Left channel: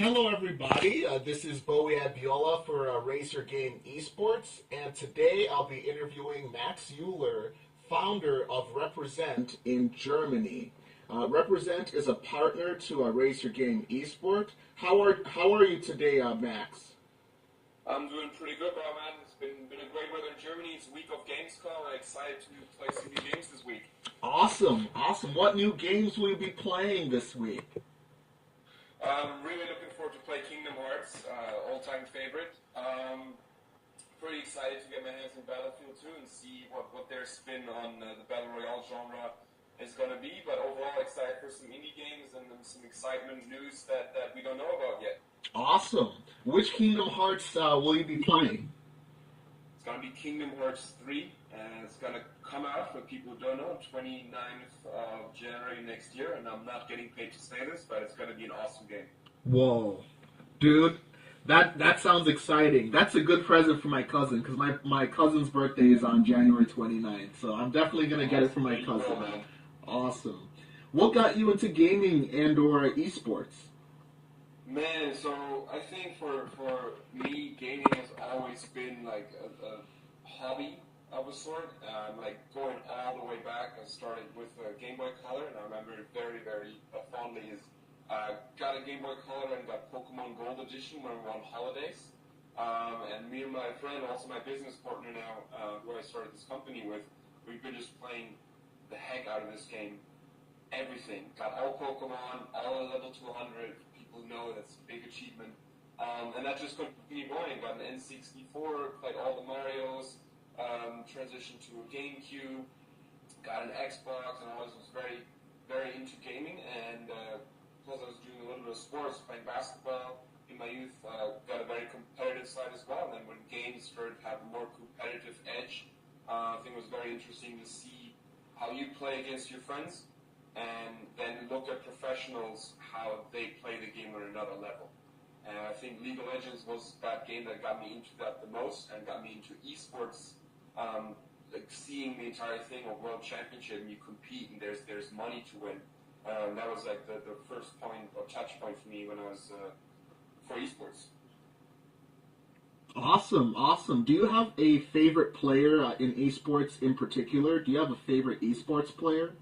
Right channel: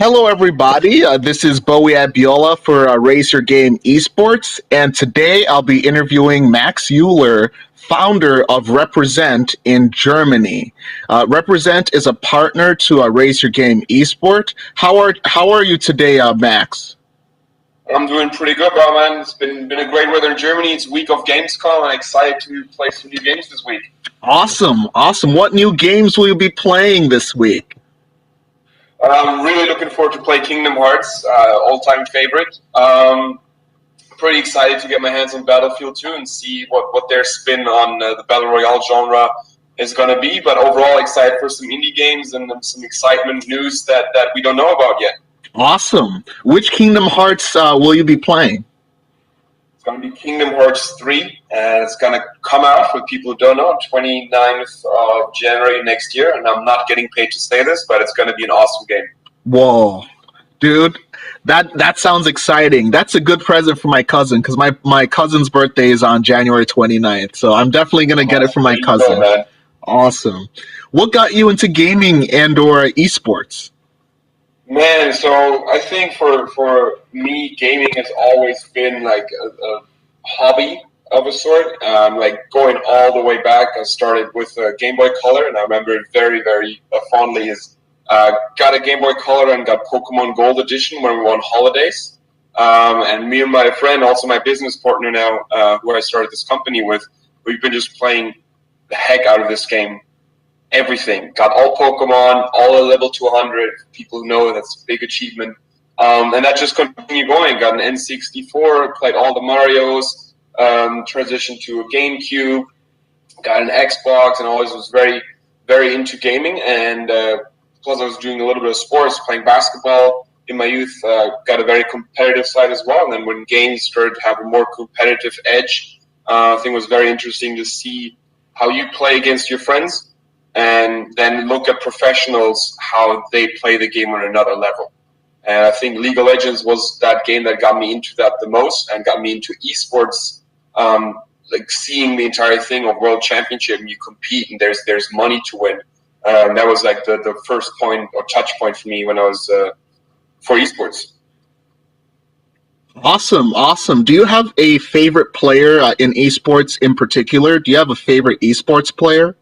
Hello, everybody. This is Bowie Abiola for Raise Your Game eSports, and today I'll be interviewing Max Euler, founder of Represent in Germany. Represent is a partner to Raise Your Game eSport. How are you today, Max? I'm doing pretty good, bro, man. It's been a great weather in Germany. It's week of Gamescom. I'm excited to play some new games this week. Awesome. What new games will you be playing this week? I'm really looking forward to play Kingdom Hearts, all-time favorite. Pretty excited to get my hands on Battlefield 2 and see what their spin on the Battle Royale genre is going to be. But overall, excited for some indie games and some excitement news that we don't know about yet. Awesome. Which Kingdom Hearts will you be playing? It's going to be Kingdom Hearts 3, and it's going to come out, for people who don't know, 29th of January next year, and I'm not getting paid to say this, but it's going to be an awesome game. Whoa. Dude, that sounds exciting. That's a good present for my cousin, because my cousin's birthday is on January 29th, so I'm definitely going to get it for my cousin. Man. Awesome. What got you into gaming and or esports? Man, so I think for me, gaming has always been like a hobby of a sort. Like going all the way back, I started with a Game Boy Color, and I remember it very, very fondly. Got a Game Boy Color and got Pokemon Gold Edition when we were on holidays. And me and my friend, also my business partner now, who I started this company with, we've been just playing the heck out of this game. Everything. Got all Pokemon, all a level to 100. People know that's a big achievement. And that just continued going. Got an N64, played all the Marios, transitioned to a GameCube, got an Xbox, and always was very, very into gaming. And plus I was doing a little bit of sports, playing basketball in my youth. Got a very competitive side as well. And then when games started to have a more competitive edge, I think it was very interesting to see how you play against your friends, and then look at professionals, how they play the game on another level. And I think League of Legends was that game that got me into that the most and got me into esports, like seeing the entire thing of World Championship, and you compete and there's money to win. That was like the first point or touch point for me when I was for esports. Awesome. Do you have a favorite player in esports in particular? Do you have a favorite esports player?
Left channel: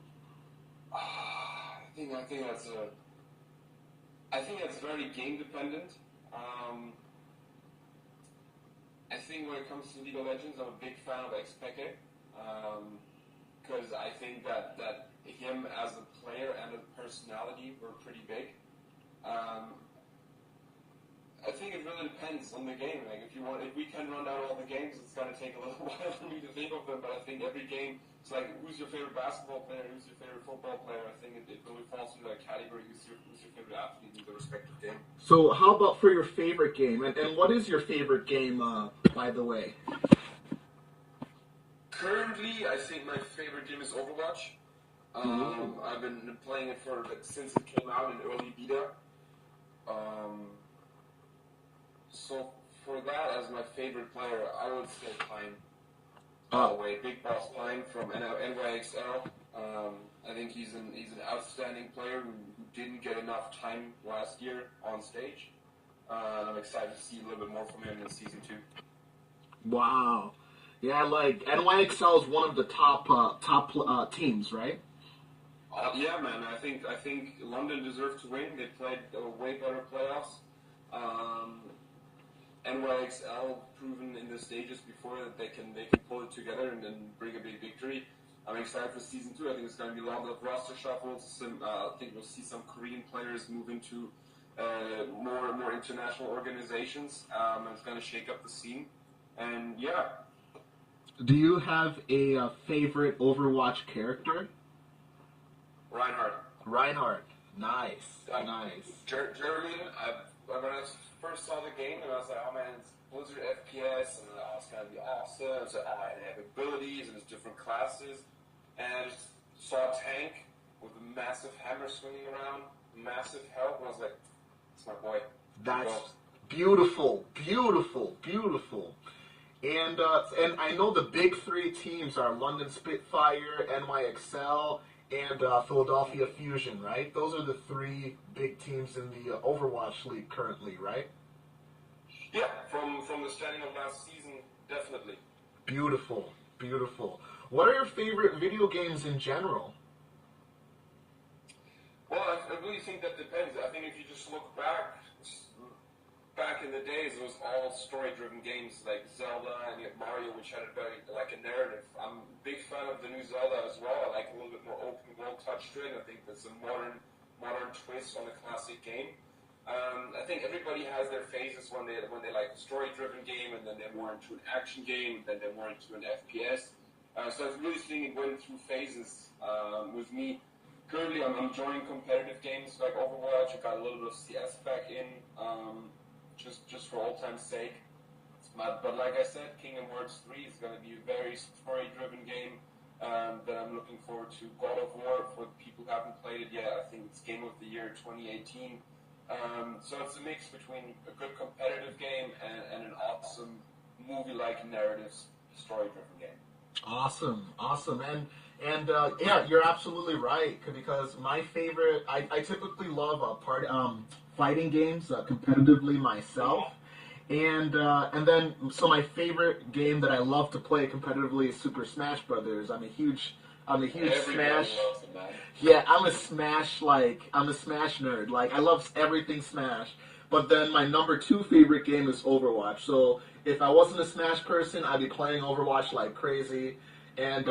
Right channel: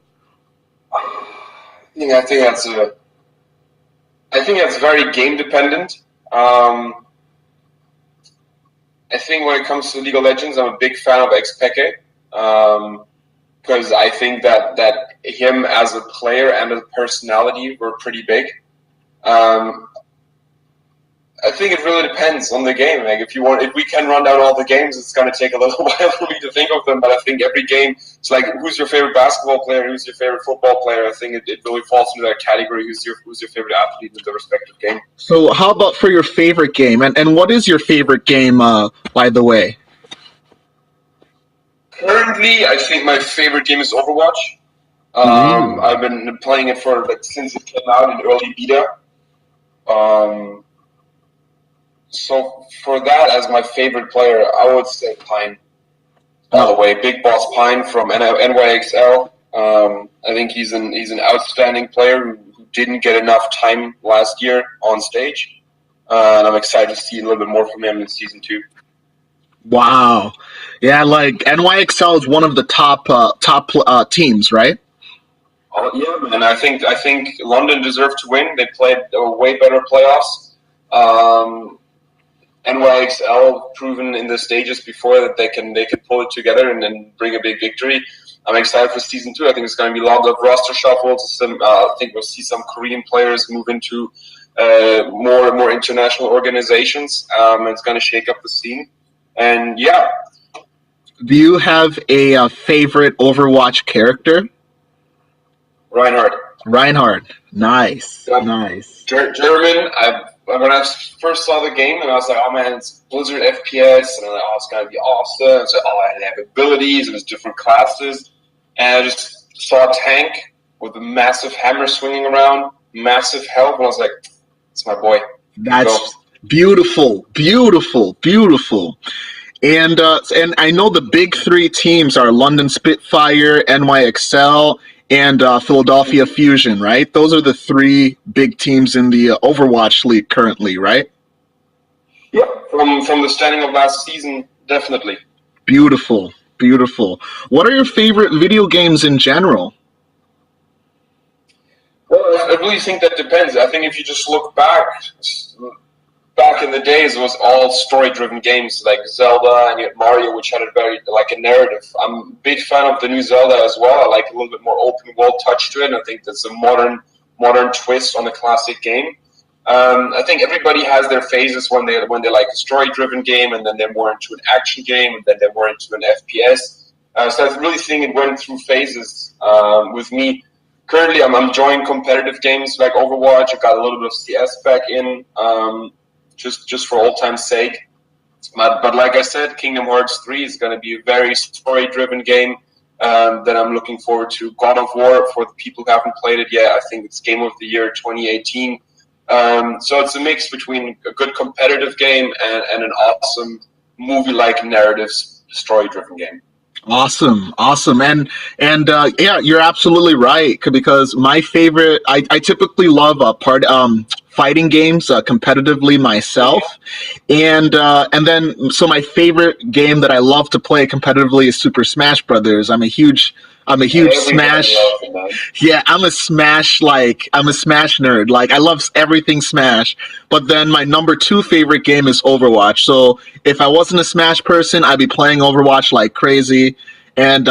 I think that's very game dependent. I think when it comes to League of Legends, I'm a big fan of Xpeke, because I think that him as a player and as a personality were pretty big. I think it really depends on the game. Like if we can run down all the games, it's going to take a little while for me to think of them. But I think every game, it's like, who's your favorite basketball player? Who's your favorite football player? I think it really falls into that category. Who's your favorite athlete in the respective game? So how about for your favorite game? And what is your favorite game, by the way? Currently, I think my favorite game is Overwatch. I've been playing it since it came out in early beta. So for that, as my favorite player, I would say Pine. All the way, Big Boss Pine from NYXL. I think he's an outstanding player who didn't get enough time last year on stage, and I'm excited to see a little bit more from him in season 2. Wow, yeah, like NYXL is one of the top teams, right? Yeah, man. I think London deserved to win. They played a way better playoffs. NYXL proven in the stages before that they can pull it together and then bring a big victory. I'm excited for season 2. I think it's going to be lots of roster shuffles. I think we'll see some Korean players move into more and more international organizations. It's going to shake up the scene. And yeah. Do you have a favorite Overwatch character? Reinhardt. Nice. Nice. German. When I first saw the game, and I was like, oh man, it's Blizzard FPS, and I'm like, oh, it's going to be awesome. And so, I have abilities, and there's different classes. And I just saw a tank with a massive hammer swinging around, massive health, and I was like, it's my boy. That's beautiful. And I know the big 3 teams are London Spitfire, NYXL, and Philadelphia Fusion, right? Those are the three big teams in the Overwatch League currently, right? Yeah, from the standing of last season, definitely. Beautiful, beautiful. What are your favorite video games in general? Well, I really think that depends. I think if you just look back in the days, it was all story-driven games like Zelda and Mario, which had a very like a narrative. I'm a big fan of the new Zelda as well. I like a little bit more open world touch to it, and I think that's a modern twist on a classic game. I think everybody has their phases when they like a story-driven game, and then they're more into an action game, and then they're more into an FPS. So I really think it went through phases with me. Currently, I'm enjoying competitive games like Overwatch. I got a little bit of CS back in, just for old time's sake. But like I said, Kingdom Hearts 3 is going to be a very story-driven game that I'm looking forward to. God of War, for the people who haven't played it yet, I think it's Game of the Year 2018. So it's a mix between a good competitive game and an awesome movie-like narrative story-driven game. Awesome, awesome, and yeah, you're absolutely right. Because my favorite, I typically love fighting games competitively myself, and then so my favorite game that I love to play competitively is Super Smash Brothers. I'm a huge Smash. Yeah, I'm a Smash nerd. Like, I love everything Smash. But then my number two favorite game is Overwatch. So if I wasn't a Smash person, I'd be playing Overwatch like crazy. And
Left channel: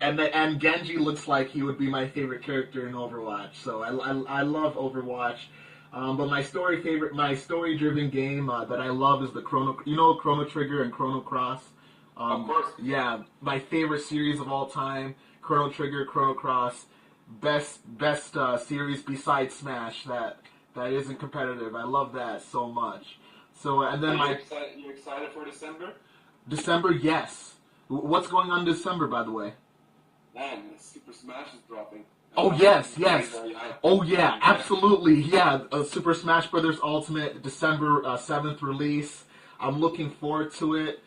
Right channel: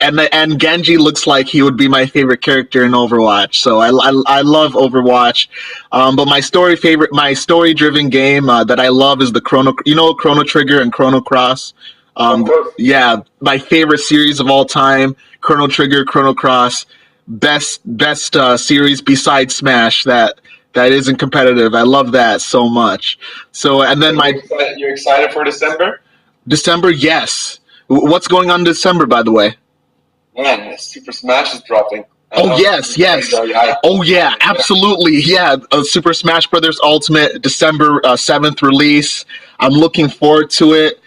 and Genji looks like he would be my favorite character in Overwatch. So I love Overwatch. But my story driven game that I love is the Chrono Trigger and Chrono Cross. Yeah, my favorite series of all time, Chrono Trigger, Chrono Cross, best series besides Smash that isn't competitive. I love that so much. So, and then you're excited for December? December, yes. What's going on in December, by the way? Man, Super Smash is dropping. Oh yes. Oh yeah, absolutely. Yeah, Super Smash Brothers Ultimate, December 7th release. I'm looking forward to it.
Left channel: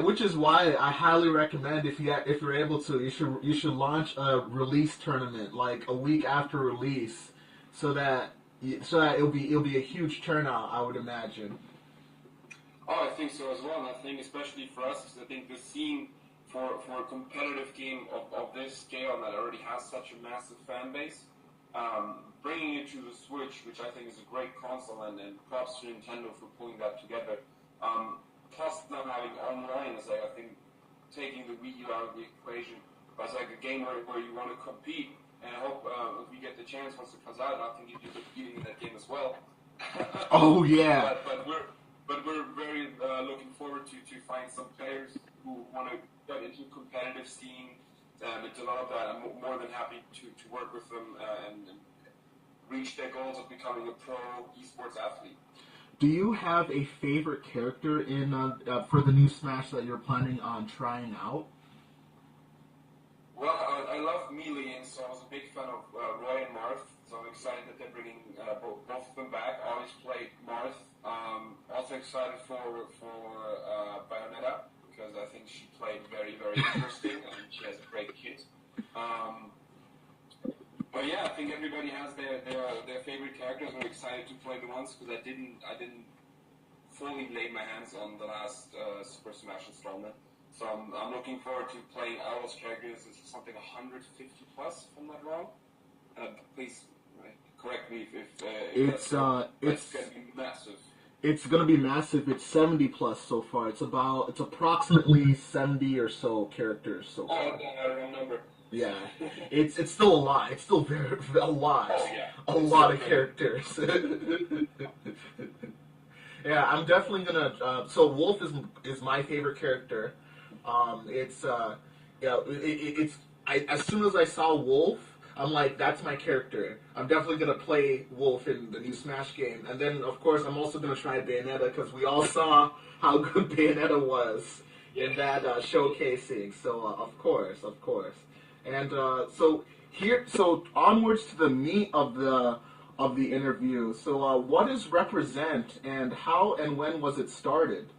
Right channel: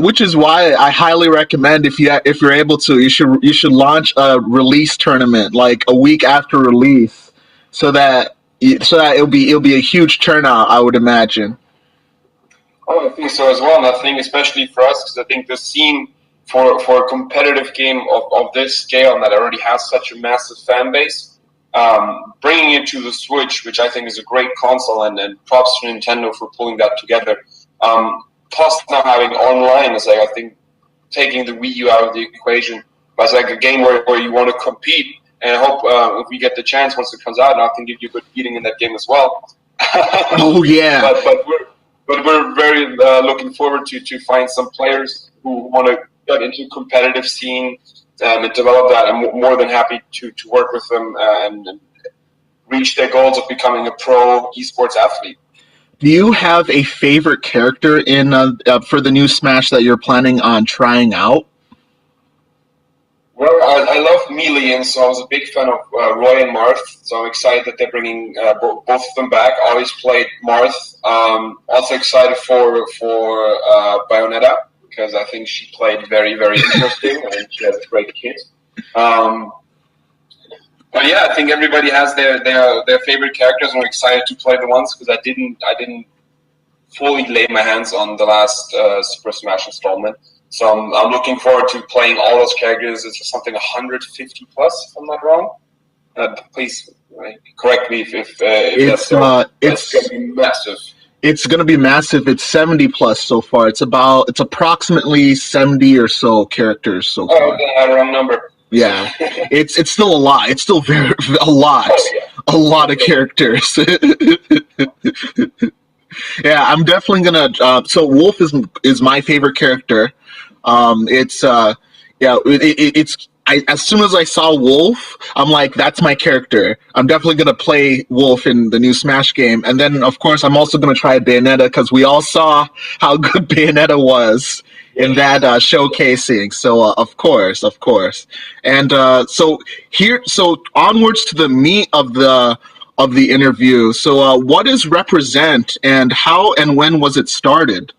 Which is why I highly recommend if you're able to, you should launch a release tournament like a week after release, so that it'll be a huge turnout, I would imagine. Oh, I think so as well. And I think especially for us, because I think the scene for a competitive game of this scale and that already has such a massive fan base, bringing it to the Switch, which I think is a great console, and props to Nintendo for pulling that together. Plus now having online is like, I think, taking the Wii U out of the equation. But it's like a game where you want to compete, and I hope if we get the chance once it comes out, and I can give you a good beating in that game as well. Oh yeah. But we're very looking forward to find some players who want to get into competitive scene and develop that. I'm more than happy to work with them and reach their goals of becoming a pro esports athlete. Do you have a favorite character in for the new Smash that you're planning on trying out? Well, I love Melee, and so I was a big fan of Roy and Marth. So I'm excited that they're bringing both of them back. I always played Marth. Also excited for Bayonetta, because I think she played very, very interesting, and she has a great kit. But yeah, I think everybody has their favorite characters, and I'm excited to play the ones because I didn't fully lay my hands on the last Super Smash installment. So I'm looking forward to playing all those characters. It's something 150 plus, if I'm not wrong. Please correct me if that's going to be massive. It's going to be massive. It's 70 plus so far. It's approximately 70 or so characters so far. Oh, okay, I had a wrong number. Yeah, it's still a lot. It's still a lot. Oh, yeah. A lot of characters. Yeah, I'm definitely gonna. So Wolf is my favorite character. As soon as I saw Wolf, I'm like, that's my character. I'm definitely gonna play Wolf in the new Smash game, and then of course I'm also gonna try Bayonetta because we all saw how good Bayonetta was in that showcasing. So of course, and so onwards to the meat of the interview. So what is R3PREZ3NT, and how and when was it started?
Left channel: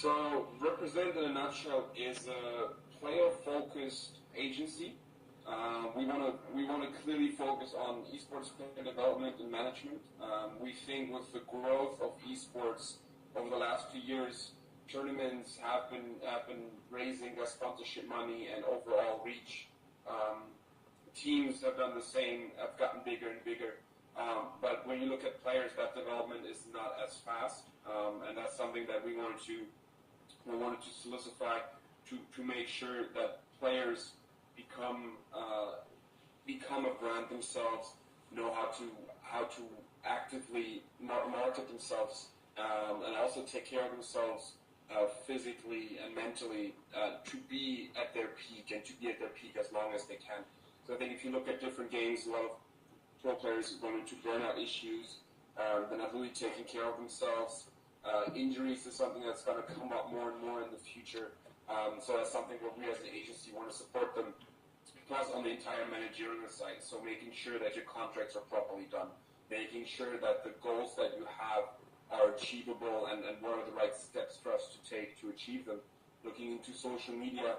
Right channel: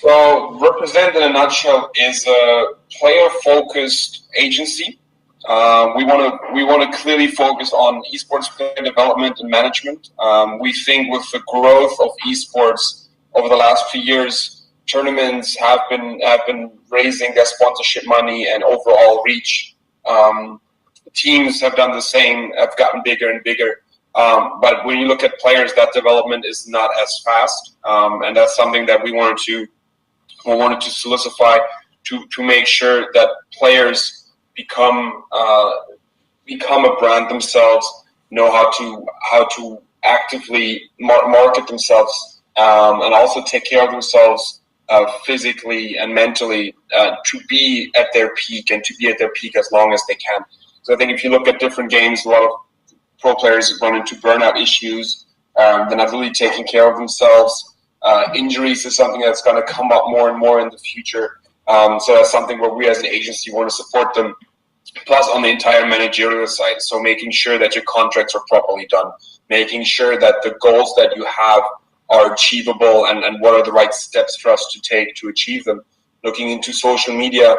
So, Represent in a nutshell is a player-focused agency. We want to clearly focus on esports player development and management. We think with the growth of esports over the last few years, tournaments have been raising their sponsorship money and overall reach. Teams have done the same, have gotten bigger and bigger. But when you look at players, that development is not as fast, and that's something that we wanted to solidify to make sure that players become a brand themselves, know how to actively market themselves, and also take care of themselves physically and mentally to be at their peak and to be at their peak as long as they can. So I think if you look at different games, a lot of pro players run into burnout issues. They're not really taking care of themselves. Injuries is something that's going to come up more and more in the future. So that's something where we as an agency want to support them. Plus on the entire managerial side, so making sure that your contracts are properly done, making sure that the goals that you have are achievable and what are the right steps for us to take to achieve them. Looking into social media,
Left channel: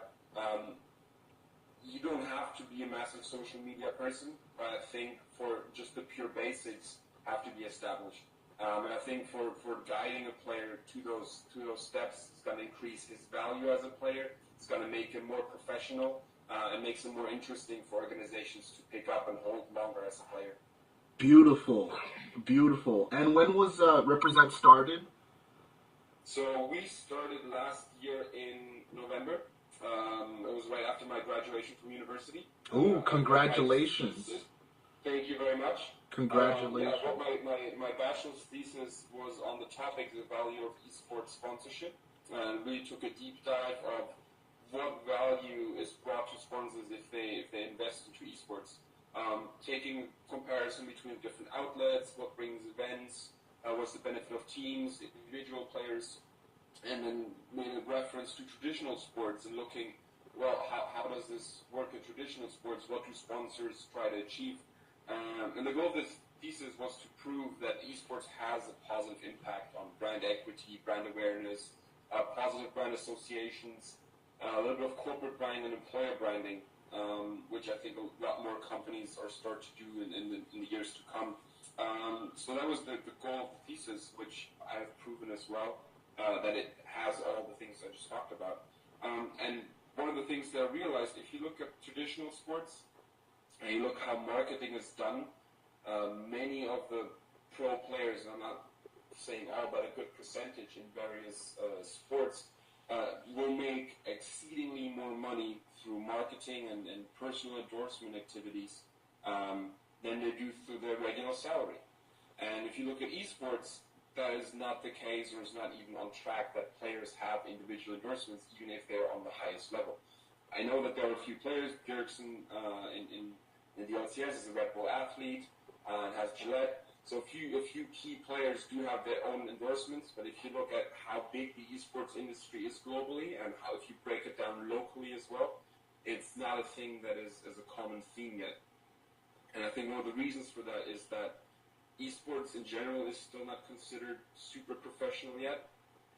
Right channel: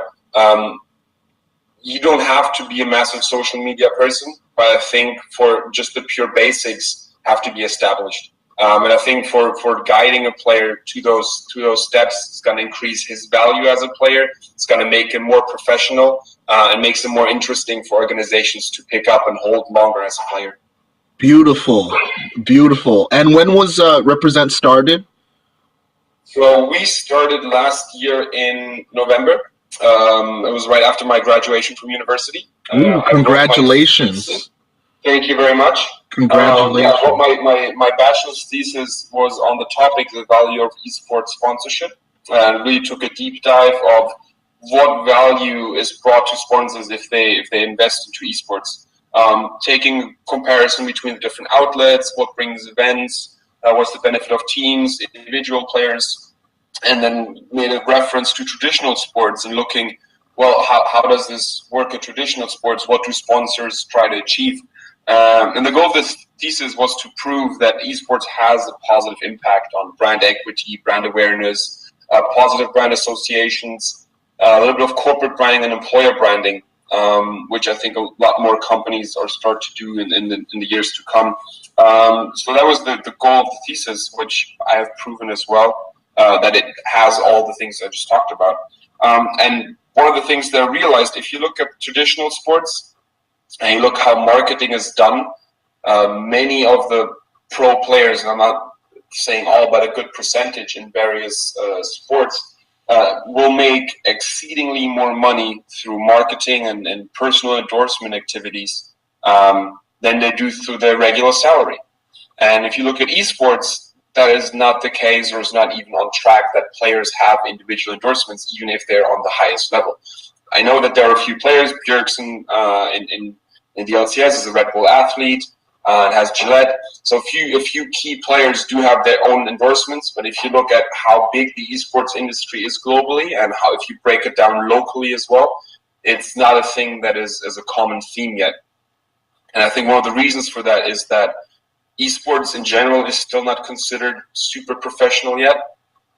you don't have to be a massive social media person, but I think for just the pure basics have to be established. And I think for guiding a player to those steps, it's going to increase his value as a player. It's going to make him more professional and makes him more interesting for organizations to pick up and hold longer as a player. Beautiful, beautiful. And when was Represent started? So we started last year in November. It was right after my graduation from university. Ooh, congratulations. Thank you very much. Congratulations. My bachelor's thesis was on the topic, the value of esports sponsorship, and really took a deep dive of what value is brought to sponsors if they invest into esports. Taking comparison between the different outlets, what brings events, what's the benefit of teams, individual players, and then made a reference to traditional sports and looking, well, how does this work in traditional sports? What do sponsors try to achieve? And the goal of this thesis was to prove that esports has a positive impact on brand equity, brand awareness, positive brand associations, a little bit of corporate branding and employer branding, which I think a lot more companies are start to do in the years to come. So that was the goal of the thesis, which I have proven as well, that it has all the things I just talked about. And one of the things that I realized, if you look at traditional sports, and you look how marketing is done, many of the pro players, and I'm not saying all, but a good percentage in various sports, will make exceedingly more money through marketing and personal endorsement activities than they do through their regular salary. And if you look at esports, that is not the case, or is not even on track that players have individual endorsements, even if they're on the highest level. I know that there are a few players. Bjergsen in the LCS is a Red Bull athlete and has Gillette. So a few key players do have their own endorsements. But if you look at how big the esports industry is globally, and how if you break it down locally as well, it's not a thing that is a common theme yet. And I think one of the reasons for that is that esports in general is still not considered super professional yet.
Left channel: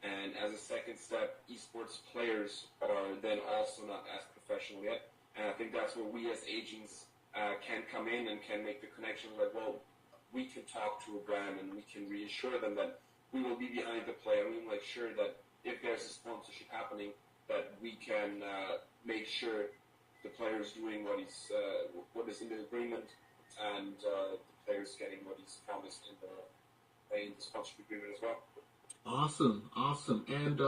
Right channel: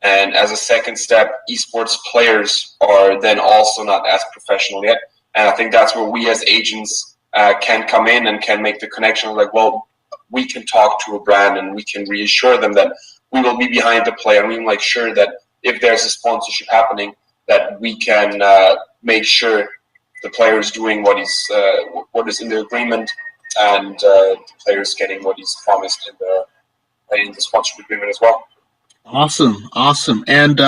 And as a second step, esports players are then also not as professional yet. And I think that's where we as agents can come in and can make the connection. Like, well, we can talk to a brand and we can reassure them that we will be behind the player, and we can make sure that if there's a sponsorship happening, that we can make sure the player is doing what is in the agreement, and the player is getting what he's promised in the sponsorship agreement as well. Awesome. And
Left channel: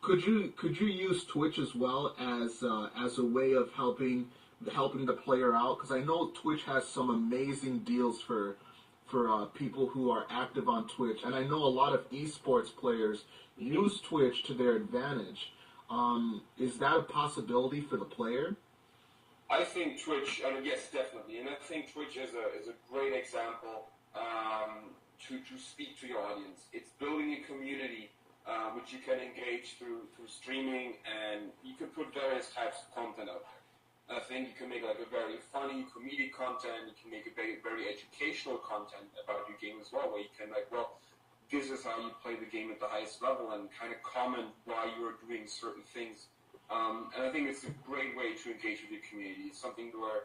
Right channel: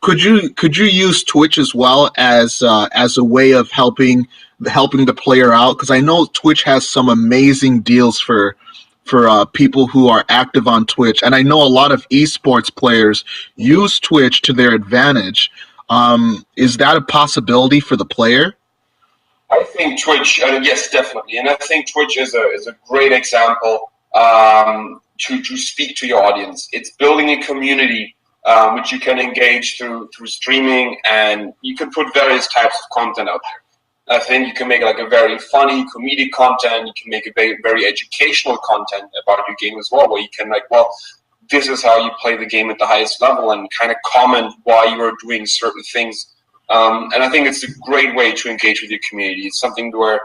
could you use Twitch as well as a way of helping the player out? Because I know Twitch has some amazing deals for people who are active on Twitch, and I know a lot of esports players use Twitch to their advantage. Is that a possibility for the player? I think Twitch, yes, definitely, and I think Twitch is a great example to speak to your audience. It's building a community which you can engage through streaming, and you can put various types of content out there. I think you can make like a very funny comedic content. You can make a very educational content about your game as well, where you can this is how you play the game at the highest level, and kind of comment why you are doing certain things. And I think it's a great way to engage with your community. It's something where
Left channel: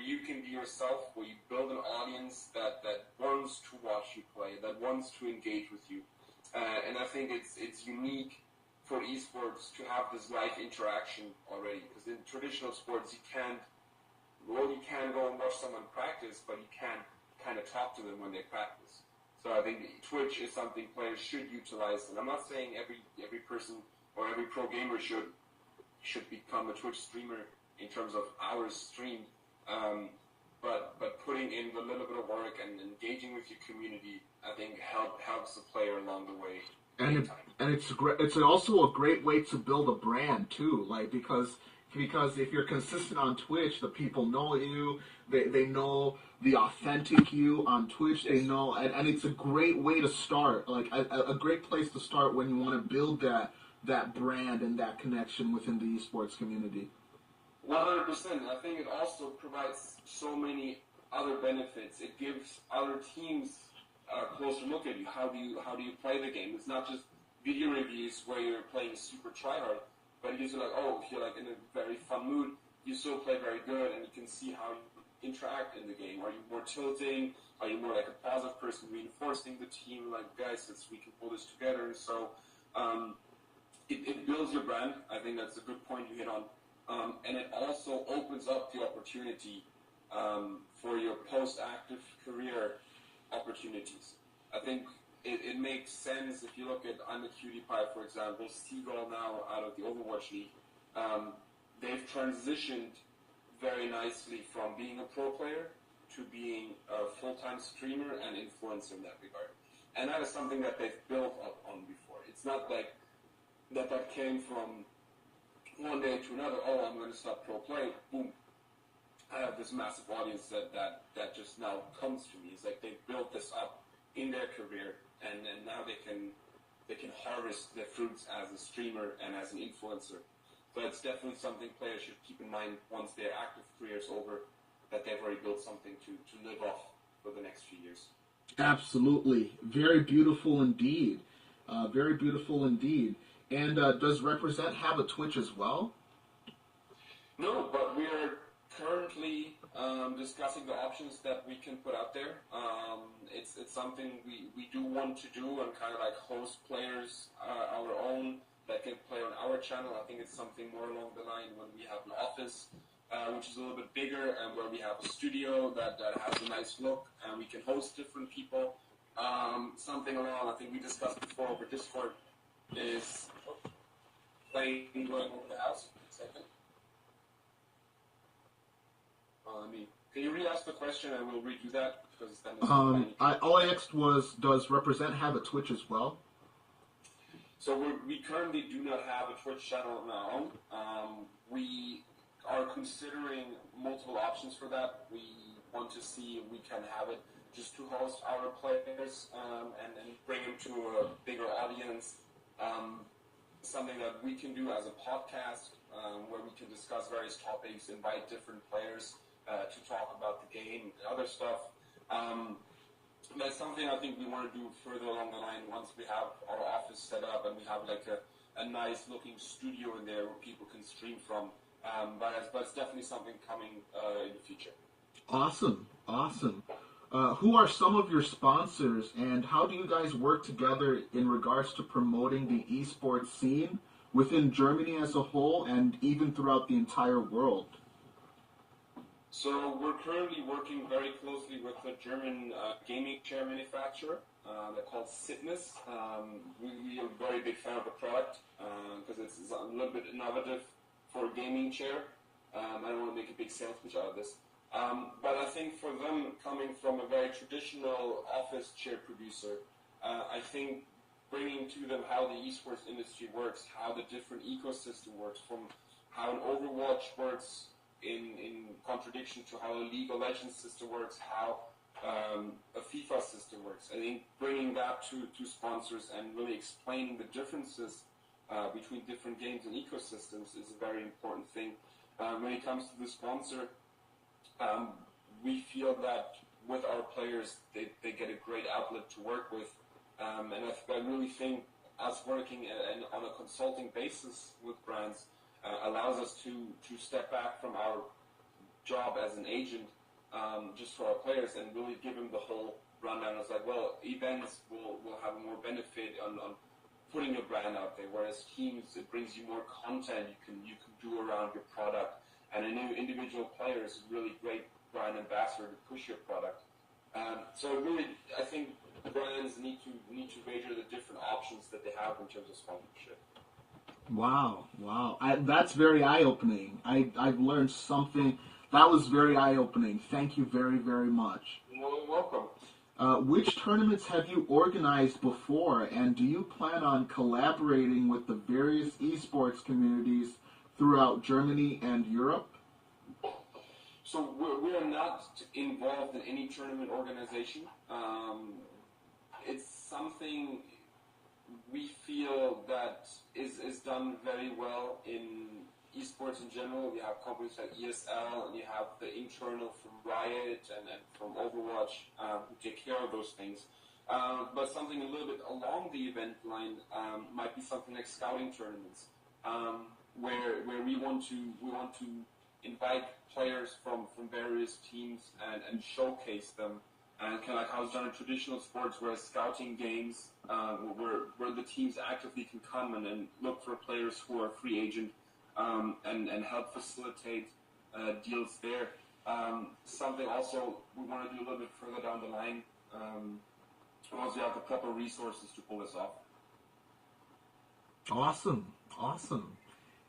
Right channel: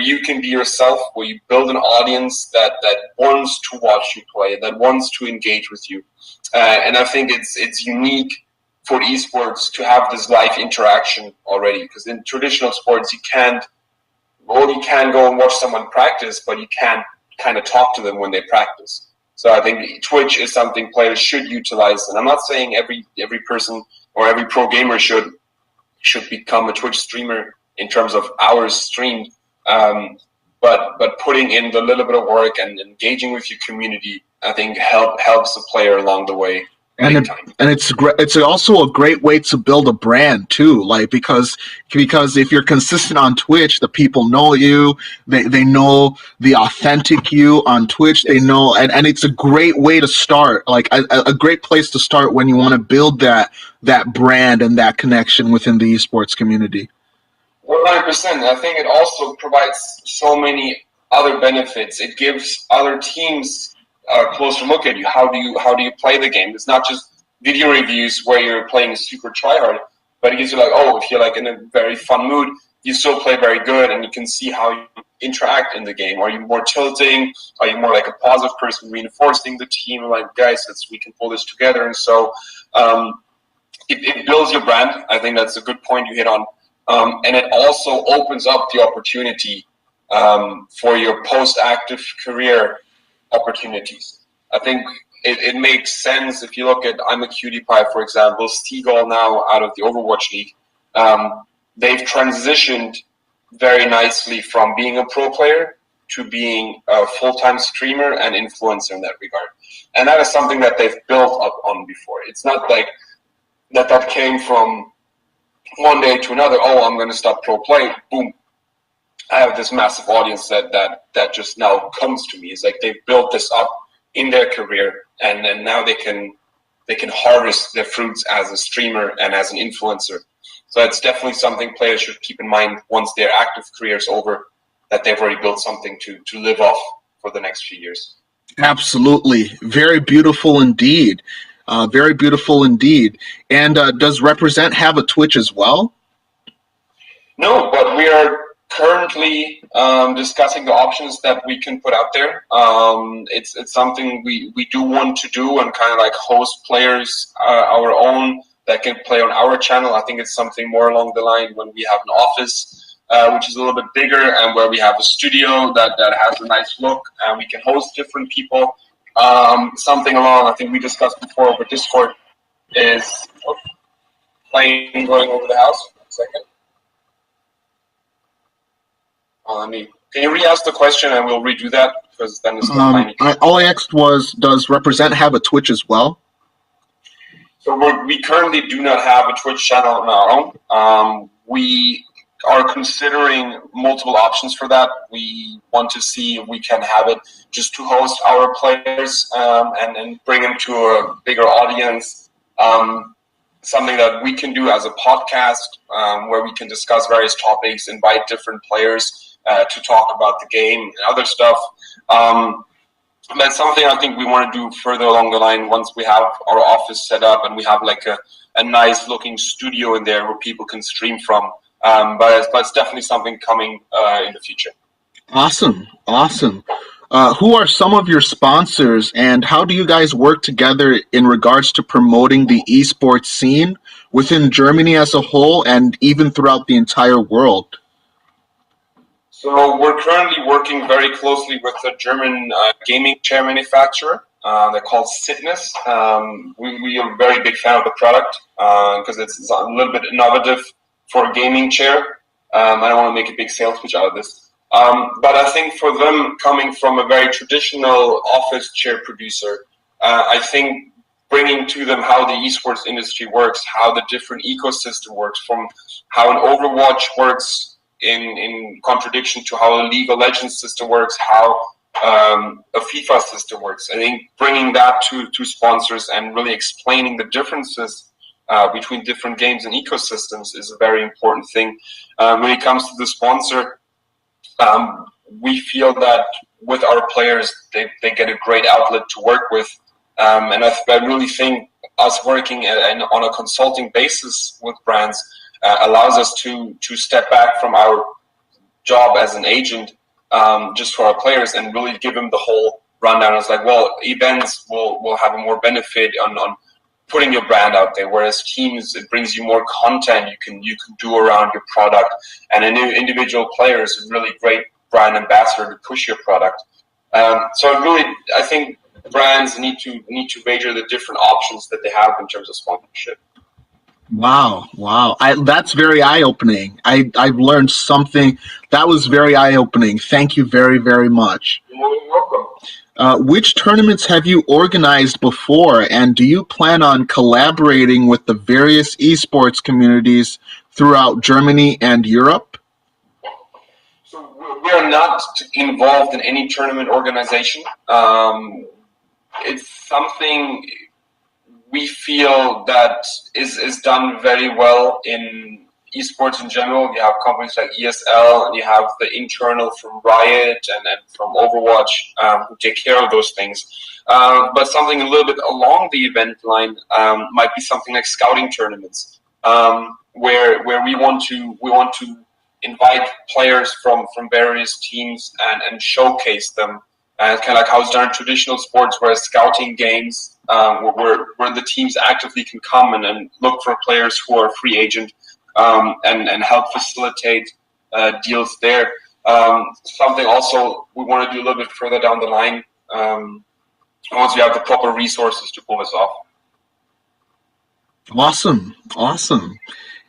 you can be yourself, where you build an audience that wants to watch you play, that wants to engage with you. And I think it's unique for esports to have this live interaction already, because in traditional sports you can go and watch someone practice, but you can't kind of talk to them when they practice. So I think Twitch is something players should utilize, and I'm not saying every person or every pro gamer should become a Twitch streamer in terms of hours streamed, but putting in the little bit of work and engaging with your community, I think helps the player along the way. And it's also a great way to build a brand too, like because if you're consistent on Twitch, the people know you, they know the authentic you on Twitch, they know, and it's a great way to start, like a great place to start when you want to build that brand and that connection within the esports community. 100%. I think it also provides so many other benefits. It gives other teams a closer look at you. How do you play the game? It's not just video reviews where you're playing super tryhard, but it gives you like, oh, if you're like in a very fun mood, you still play very good, and you can see how you interact in the game. Are you more tilting? Are you more like a positive person reinforcing the team? Like, guys, we can pull this together. And so it builds your brand. I think that's a good point you hit on. And it also opens up the opportunity for your post-active career opportunities. I think it makes sense if you look at I'm a Cutie Pie, for example, Steagall now out of the Overwatch League. They've transitioned very nicely from being a pro player to being a full-time streamer and influencer in that regard. And that is something that they've built up on before. It's not like that came from one day to another, oh, I'm going to stop pro play, boom, I have this massive audience that just now comes to me. It's like they've built this up in their career, and then now they can harvest their fruits as a streamer and as an influencer. So it's definitely something players should keep in mind once their active career is over, that they've already built something to live off for the next few years. Absolutely. Very beautiful indeed. Very beautiful indeed. And does Represent have a Twitch as well? No, but we are currently discussing the options that we can put out there. It's something we do want to do, and kind of like host players our own that can play on our channel. I think it's something more along the line when we have an office which is a little bit bigger, and where we have a studio that has a nice look, and we can host different people. Something along, I think we discussed before over Discord, is plane going over the house. 1 second. Can you re-ask the question and we'll redo that, because then it's all I asked was, does Represent have a Twitch as well? So we currently do not have a Twitch channel on our own. We are considering multiple options for that. We want to see if we can have it just to host our players and bring them to a bigger audience. Something that we can do as a podcast where we can discuss various topics, invite different players to talk about the game and other stuff. That's something I think we want to do further along the line once we have our office set up and we have like a nice looking studio in there where people can stream from. But it's definitely something coming in the future. Awesome. Who are some of your sponsors, and how do you guys work together in regards to promoting the esports scene within Germany as a whole and even throughout the entire world? So we're currently working very closely with a German gaming chair manufacturer. They're called Sitness. We are a very big fan of the product because it's a little bit innovative for a gaming chair. I don't want to make a big sales pitch out of this. But I think for them, coming from a very traditional office chair producer, I think bringing to them how the esports industry works, how the different ecosystem works, from how an Overwatch works in contradiction to how a League of Legends system works, how a FIFA system works. I think bringing that to sponsors and really explaining the differences between different games and ecosystems is a very important thing. When it comes to the sponsor, we feel that with our players, they get a great outlet to work with. And I really think us working on a consulting basis with brands allows us to step back from our job as an agent just for our players and really give them the whole rundown. It's like, well, events will have a more benefit on putting your brand out there, whereas teams, it brings you more content you can do around your product, and an individual player is a really great brand ambassador to push your product. So really, I think brands need to measure the different options that they have in terms of sponsorship. Wow. That's very eye-opening. I've learned something that was very eye-opening. Thank you very, very much. You're welcome. Which tournaments have you organized before, and do you plan on collaborating with the various esports communities throughout Germany and Europe? So we're not involved in any tournament organization. It's something we feel that is done very well in esports in general. You have companies like ESL, and you have the internal from Riot and from Overwatch who take care of those things. But something a little bit along the event line might be something like scouting tournaments, where we want to invite players from various teams and showcase them. And it's kind of like how it's done in traditional sports, whereas scouting games, where the teams actively can come and look for players who are free agent and help facilitate deals there. Something also we want to do a little bit further down the line once we have the proper resources to pull this off. Awesome.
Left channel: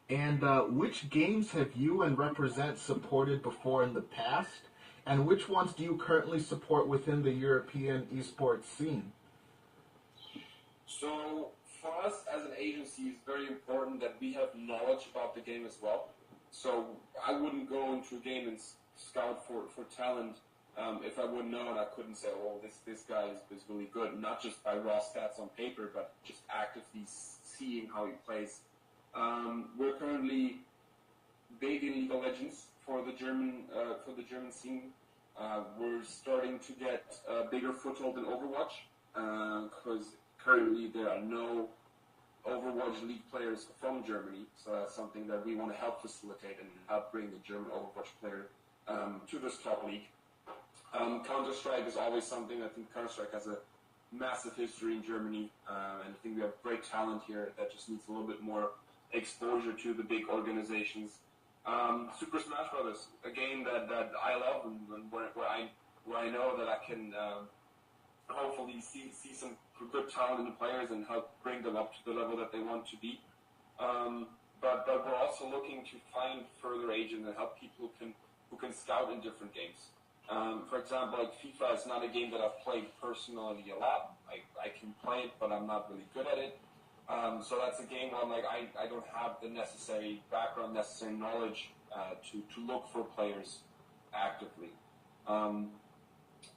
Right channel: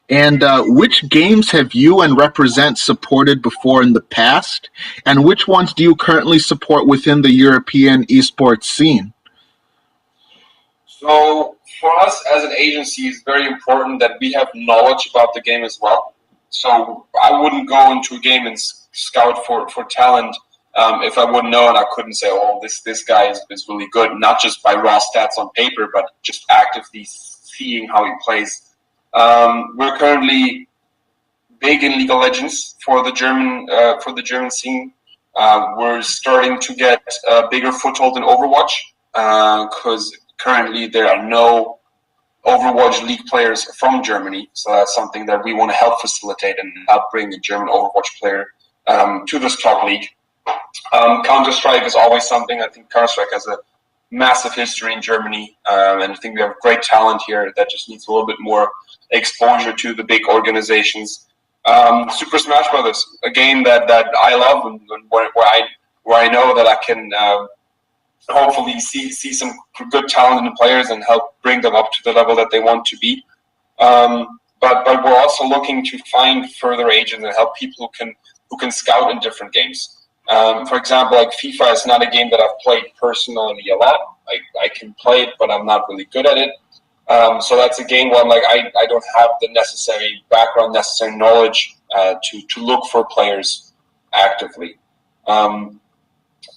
And which games have you and R3PREZ3NT supported before in the past? And which ones do you currently support within the European esports scene? So for us as an agency, it's very important that we have knowledge about the game as well. So I wouldn't go into a game and scout for talent if I wouldn't know and I couldn't say, oh, this guy is really good, not just by raw stats on paper, but just actively seeing how he plays. We're currently big in League of Legends for the German scene. We're starting to get a bigger foothold in Overwatch because currently there are no Overwatch League players from Germany. So that's something that we want to help facilitate and help bring a German Overwatch player to this top league. Counter-Strike is always something. I think Counter-Strike has a massive history in Germany, and I think we have great talent here that just needs a little bit more exposure to the big organizations. Super Smash Brothers, a game that I love and where I know that I can hopefully see some good talent in the players and help bring them up to the level that they want to be. But we're also looking to find further agents and help people who can scout in different games. For example, like FIFA is not a game that I've played personally a lot. I can play it, but I'm not really good at it. So that's a game where I'm like, I don't have the necessary background, necessary knowledge to look for players actively.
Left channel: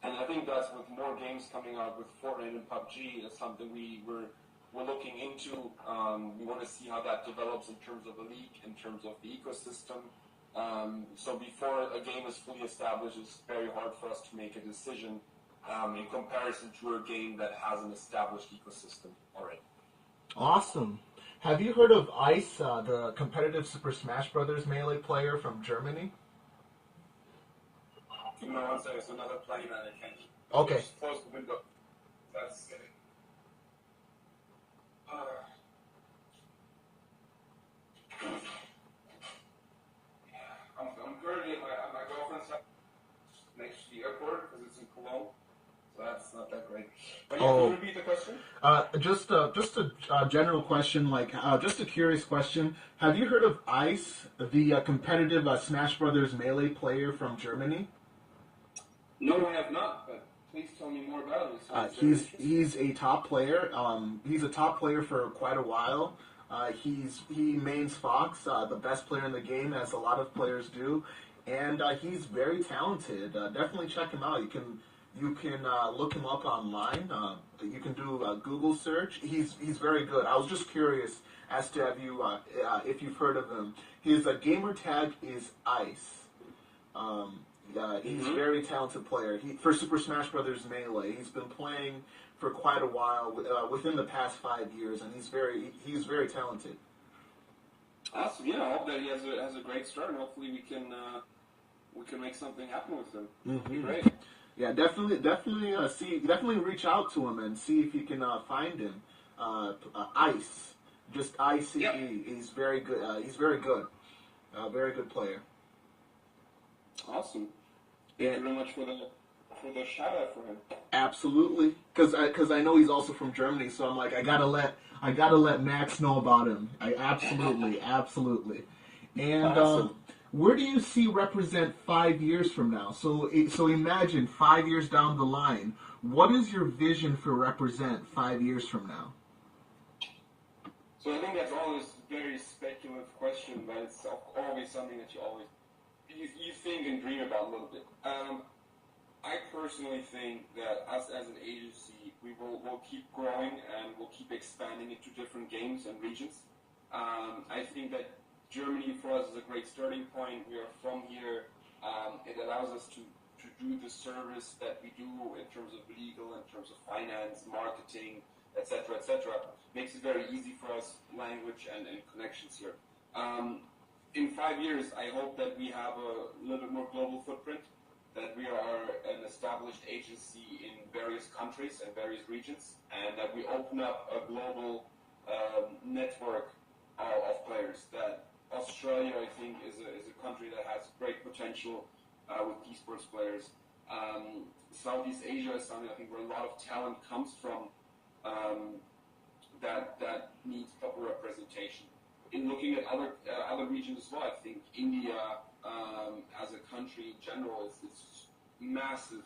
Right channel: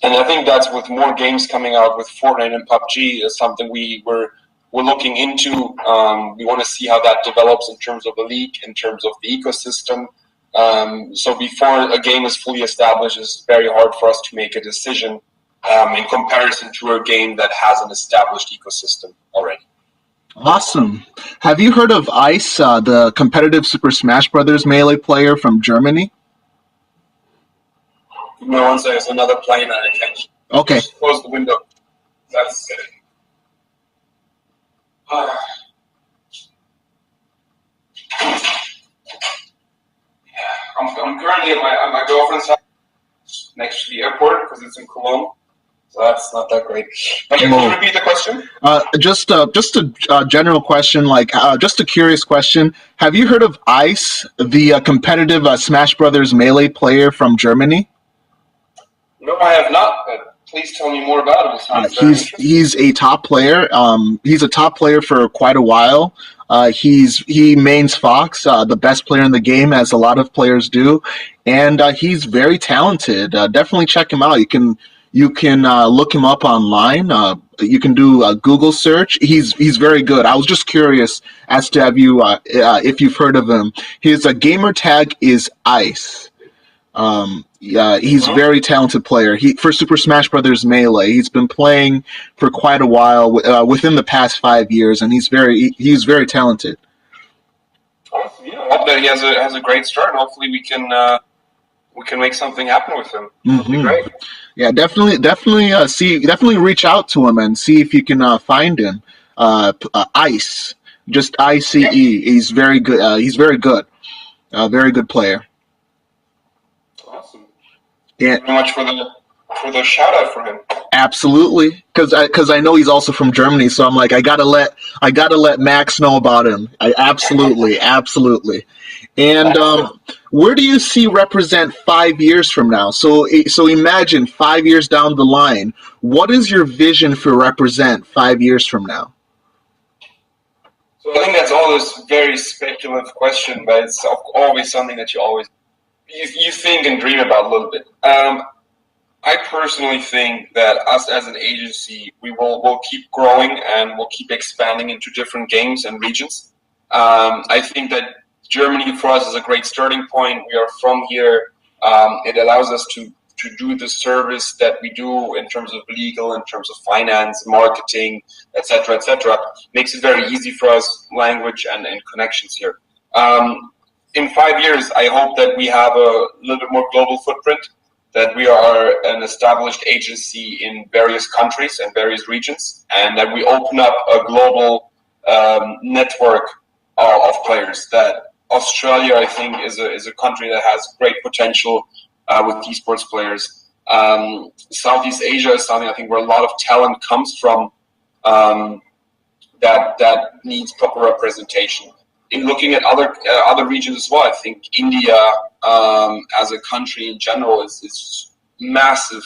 And I think that's with more games coming out with Fortnite and PUBG is something we're looking into. We want to see how that develops in terms of the league, in terms of the ecosystem. So before a game is fully established, it's very hard for us to make a decision in comparison to a game that has an established ecosystem already. Awesome. Have you heard of Ice, the competitive Super Smash Brothers Melee player from Germany? No one says another plane at attention. Okay. Just close the window. That's it. I'm currently at my girlfriend's house next to the airport because it's in Cologne. So that's not that great. But you can repeat the question? Just a general question, just a curious question. Have you heard of Ice, the competitive Smash Brothers Melee player from Germany? No, I have not. But please tell me more about him. He's a top player. He's a top player for quite a while. He mains Fox, the best player in the game, as a lot of players do, and he's very talented. Definitely check him out. You can look him up online. You can do a Google search. He's very good. I was just curious as to if you've heard of him. His gamer tag is Ice. Yeah, he's a very talented player. He for Super Smash Brothers Melee, he's been playing for quite a while, within the past 5 years, and he's very talented. Awesome. Yeah, I hope that he has a great start, and hopefully we can make something happen with him. That'd be great. Yeah, definitely reach out to him and see if you can find him. Ice, just ICE. He's very good. He's very good. Very good player. Awesome. Yeah, Thank you very much for the shout out for him. absolutely. Because I know he's also from Germany, so I'm like I gotta let Max know about him. I absolutely. And where do you see Represent 5 years from now? So imagine 5 years down the line. What is your vision for Represent 5 years from now? So I think that's always a very speculative question, but it's always something that you think and dream about a little bit. I personally think that us as an agency, we'll keep growing and we'll keep expanding into different games and regions. I think that Germany for us is a great starting point. We are from here. It allows us to do the service that we do in terms of legal, in terms of finance, marketing, etc., etc. Makes it very easy for us, language and connections here. In 5 years, I hope that we have a little bit more global footprint, that we are an established agency in various countries and various regions, and that we open up a global network of players. That Australia, I think, is a country that has great potential with esports players. Southeast Asia is something I think where a lot of talent comes from, that needs proper representation. In looking at other regions as well, I think India as a country in general is massive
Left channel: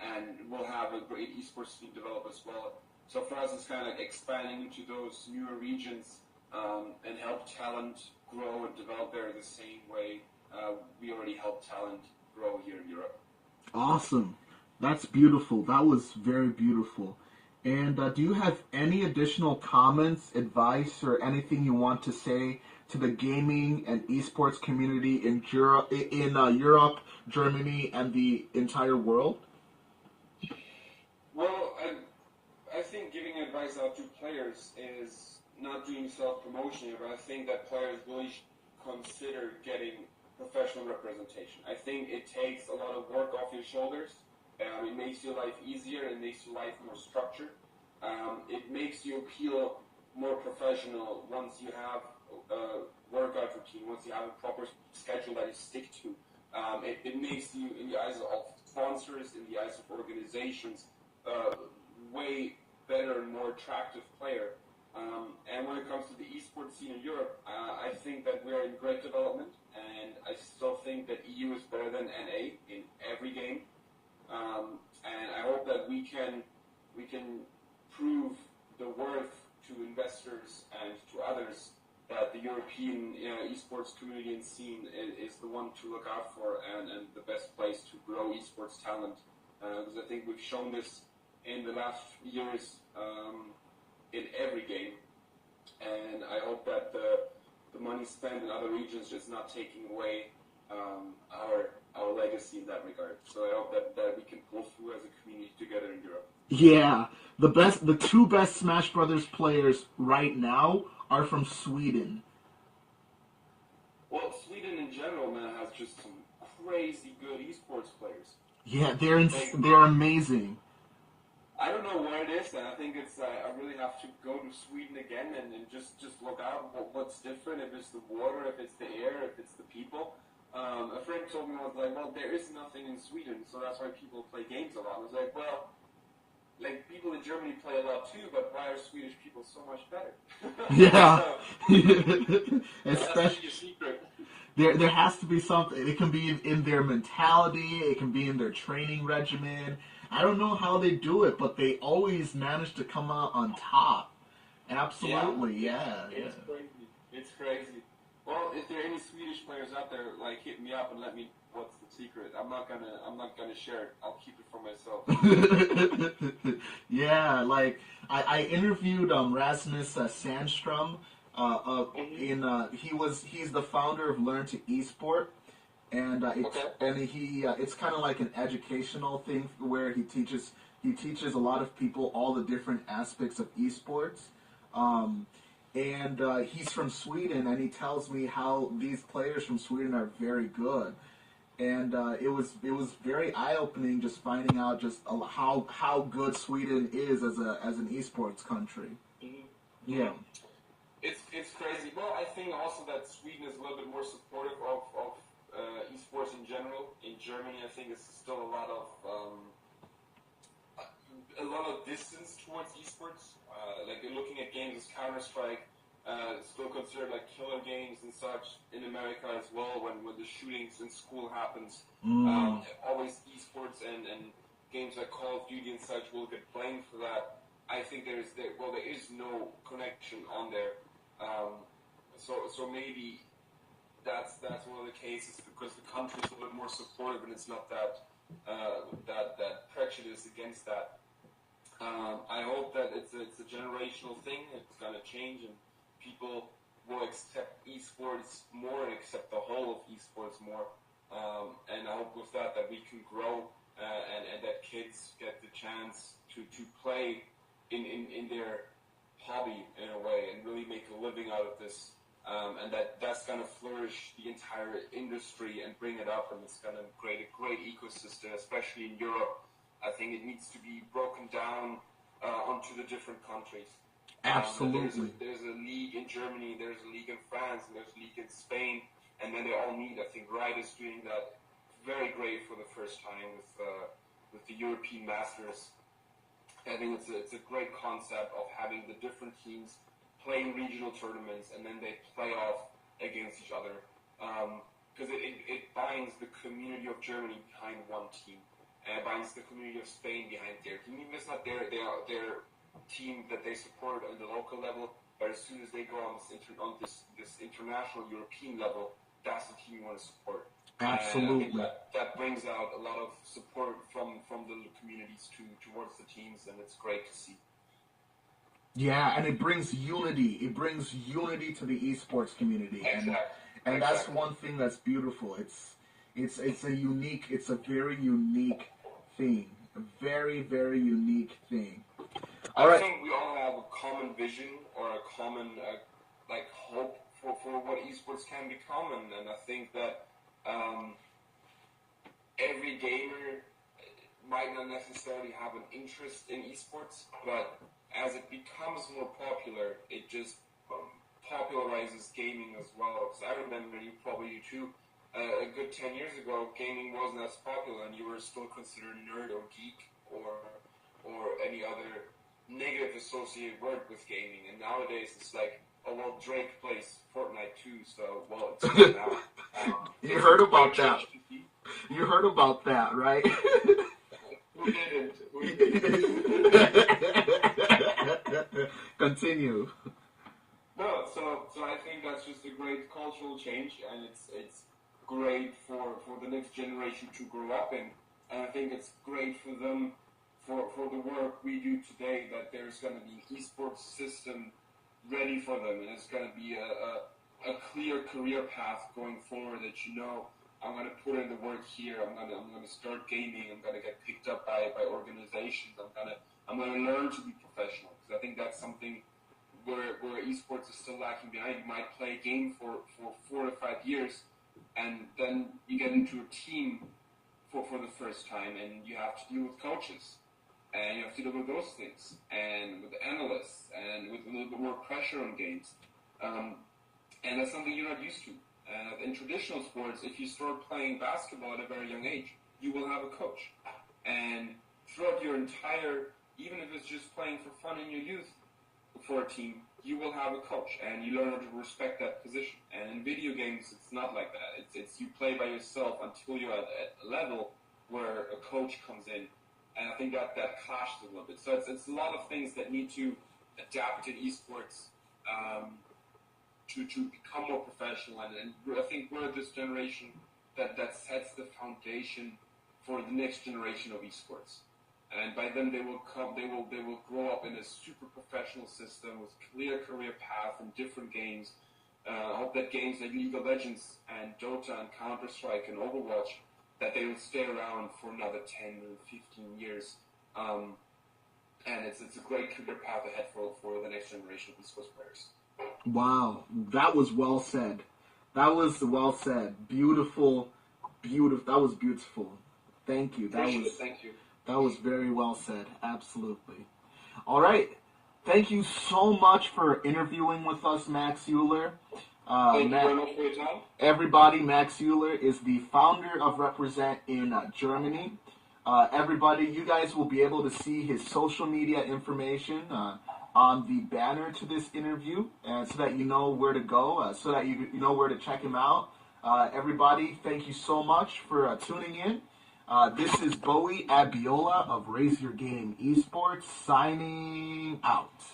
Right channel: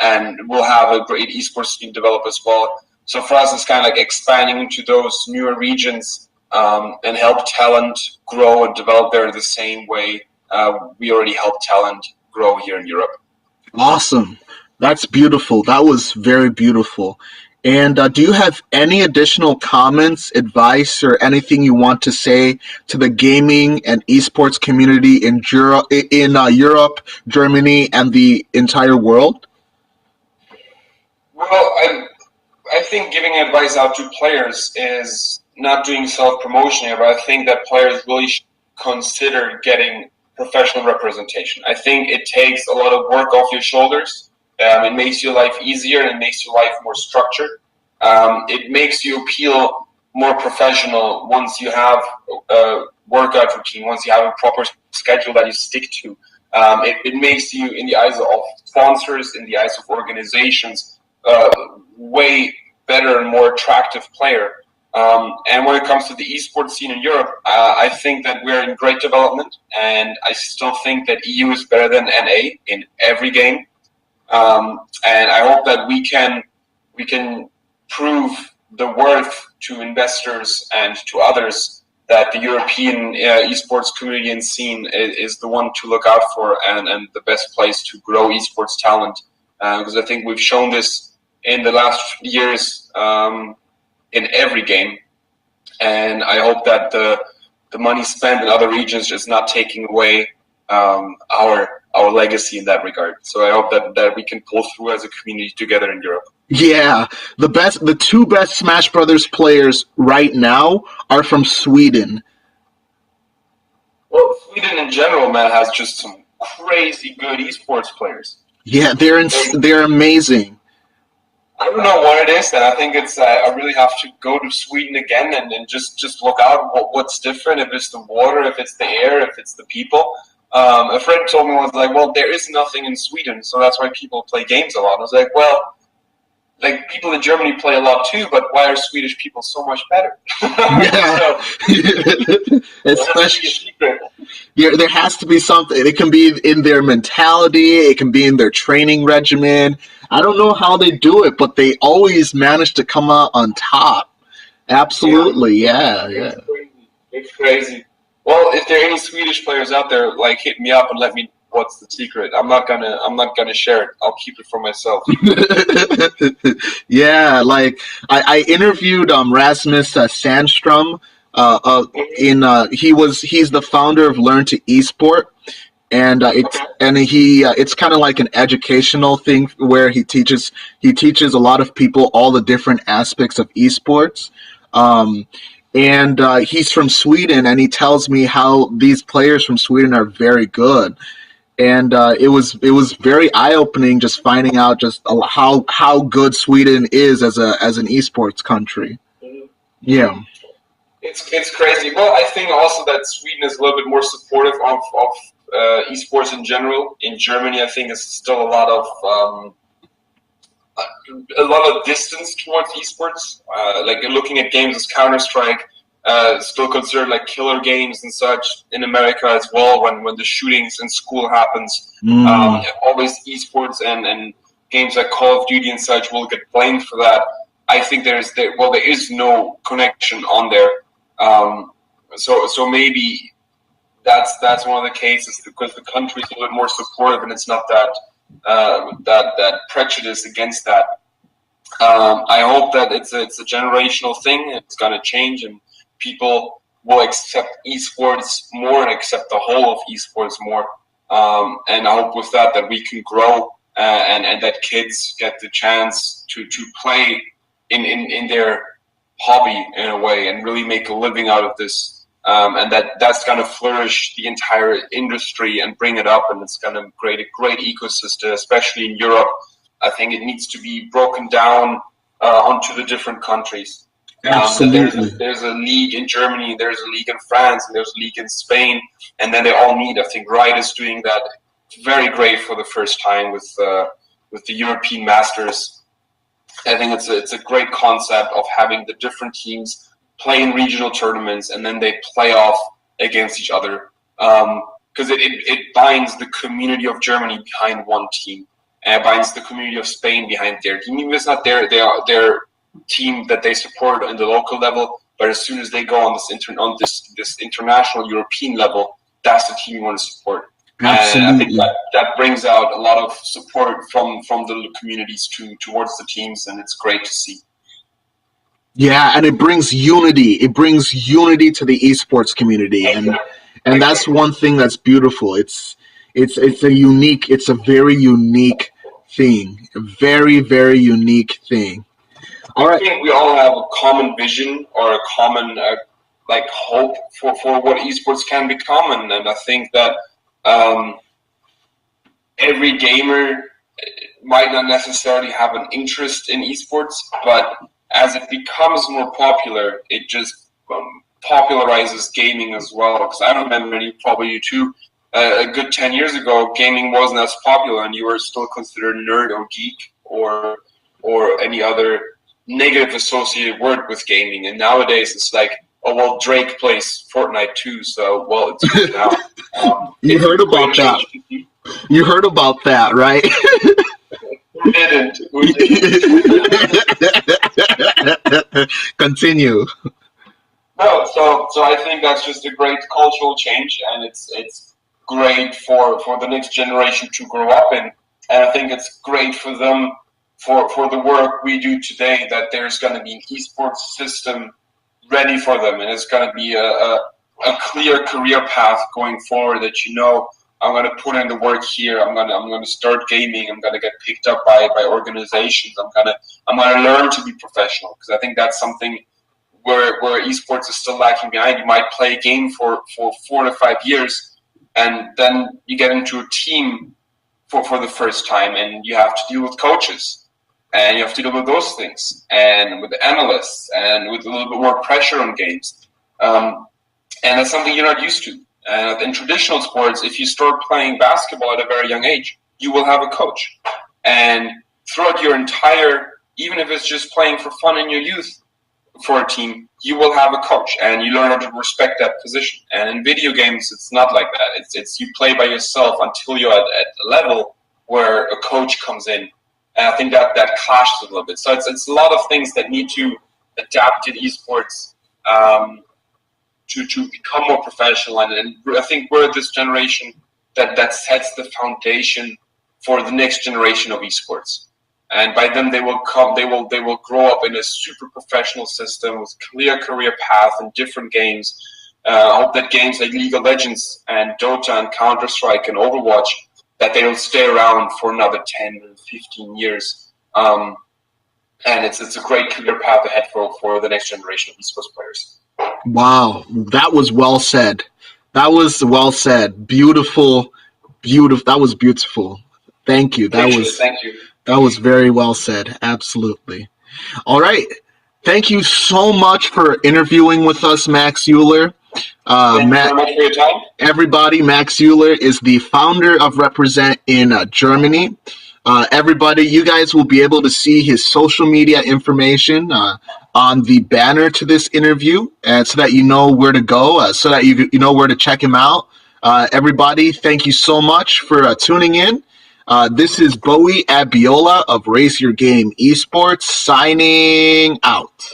and will have a great esports team develop as well. So for us, it's kind of like expanding into those newer regions and help talent grow and develop there in the same way we already help talent grow here in Europe. Awesome. That's beautiful. That was very beautiful. And do you have any additional comments, advice, or anything you want to say to the gaming and esports community in Europe, Germany, and the entire world? Well, I think giving advice out to players is not doing self-promotion here, but I think that players really should consider getting professional representation. I think it takes a lot of work off your shoulders. It makes your life easier and it makes your life more structured. It makes you appeal more professional once you have a workout routine, once you have a proper schedule that you stick to. It makes you, in the eyes of sponsors, in the eyes of organizations, way better and more attractive player. And when it comes to the esports scene in Europe, I think that we're in great development, and I still think that EU is better than NA in every game. And I hope that we can prove the worth to investors and to others that the European esports community and scene is the one to look out for and the best place to grow esports talent. Because I think we've shown this in the last years in every game. And I hope that the money spent in other regions is not taking away our legacy in that regard. So I hope that we can pull through as a community together in Europe. Yeah, the two best Smash Brothers players right now are from Sweden. Well, Sweden in general, man, has just some crazy good esports players. Yeah, they're amazing. I don't know what it is, and I think it's I really have to go to Sweden again and just look out what's different. If it's the water, if it's the air, if it's the people. A friend told me, was like, well, there is nothing in Sweden, so that's why people play games a lot. I was like, well, like people in Germany play a lot too, but why are Swedish people so much better? Yeah, especially there has to be something. It can be in their mentality. It can be in their training regimen. I don't know how they do it, but they always manage to come out on top. Absolutely, yeah. It's crazy. Well, if there are any Swedish players out there, like hit me up and let me know what's the secret. I'm not gonna share it. I'll keep it for myself. Yeah, like I interviewed Rasmus Sandstrom. He's the founder of Learn to Esport, and it's kind of like an educational thing where he teaches a lot of people all the different aspects of esports. Um, and he's from Sweden, and he tells me how these players from Sweden are very good. And it was very eye opening just finding out just how good Sweden is as an esports country. Yeah. It's crazy. Well, I think also that Sweden is a little bit more supportive of esports in general. In Germany, I think it's still a lot of distance towards esports. Like looking at games as Counter Strike, still considered like killer games and such. In America as well, when the shootings in school happens, always esports and games like Call of Duty and such will get blamed for that. I think there is no connection on there. So maybe that's one of the cases because the country is a little bit more supportive and it's not that prejudice against that. I hope that it's a generational thing. It's going to change and people will accept esports more and accept the whole of esports more. And I hope with that we can grow and that kids get the chance to play in their hobby in a way and really make a living out of this. And that's going to flourish the entire industry and bring it up, and it's going to create a great ecosystem, especially in Europe. I think it needs to be broken down onto the different countries. Absolutely. There's a league in Germany, there's a league in France, and there's a league in Spain, and then they all meet. I think Riot is doing that very great for the first time with the European Masters. I think it's a great concept of having the different teams play in regional tournaments and then they play off against each other because it binds the community of Germany behind one team and it binds the community of Spain behind their team. Even if it's not their team that they support on the local level, but as soon as they go on this international European level, that's the team you want to support. Absolutely. And I think that brings out a lot of support from the communities towards the teams, and it's great to see. Yeah, and it brings unity. It brings unity to the esports community, and that's one thing that's beautiful. It's a very unique thing, a very very unique thing. All I right. think we all have a common vision or a common hope for what esports can become, and I think that every gamer might not necessarily have an interest in esports, but as it becomes more popular, it just popularizes gaming as well. Because I remember, and probably you too, a good 10 years ago, gaming wasn't as popular, and you were still considered nerd or geek or any other negative associated word with gaming. And nowadays, it's like, oh well, Drake plays Fortnite too, so well, it's good now. You heard about that. You heard about that, right? Who didn't? Continue. No, so I think that's just a great cultural change, and it's great for the next generation to grow up in. And I think it's great for them for the work we do today that there's going to be an esports system ready for them, and it's going to be a clear career path going forward that I'm going to put in the work here. I'm going to start gaming. I'm going to get picked up by organizations. I'm going to learn to be professional, because I think that's something where esports is still lacking behind. You might play a game for 4 to 5 years, and then you get into a team for the first time, and you have to deal with coaches, and you have to deal with those things, and with the analysts, and with a little bit more pressure on games. And that's something you're not used to. In traditional sports, if you start playing basketball at a very young age, you will have a coach. And throughout your entire, even if it's just playing for fun in your youth for a team, you will have a coach, and you learn how to respect that position. And in video games, it's not like that. It's you play by yourself until you're at a level where a coach comes in. And I think that clashes a little bit. So it's a lot of things that need to adapt in esports to become more professional. And I think we're this generation that sets the foundation for the next generation of esports. And by then they will grow up in a super professional system with clear career path in different games, I hope that games like League of Legends and Dota and Counter-Strike and Overwatch, that they will stay around for another 10 or 15 years. And it's a great career path ahead for the next generation of esports players. Wow, that was well said. That was well said. Beautiful, beautiful. That was beautiful. Thank you. Thank you. That was very well said. Absolutely. All right. Thank you so much for interviewing with us, Max Euler. Thank you very much for your time. Everybody, Max Euler is the founder of Represent in Germany. Everybody, you guys will be able to see his social media information on the banner to this interview, and so that you know where to go, so that you know where to check him out. Everybody, thank you so much for tuning in. This is Bowie Abiola of Race Your Game eSports signing out.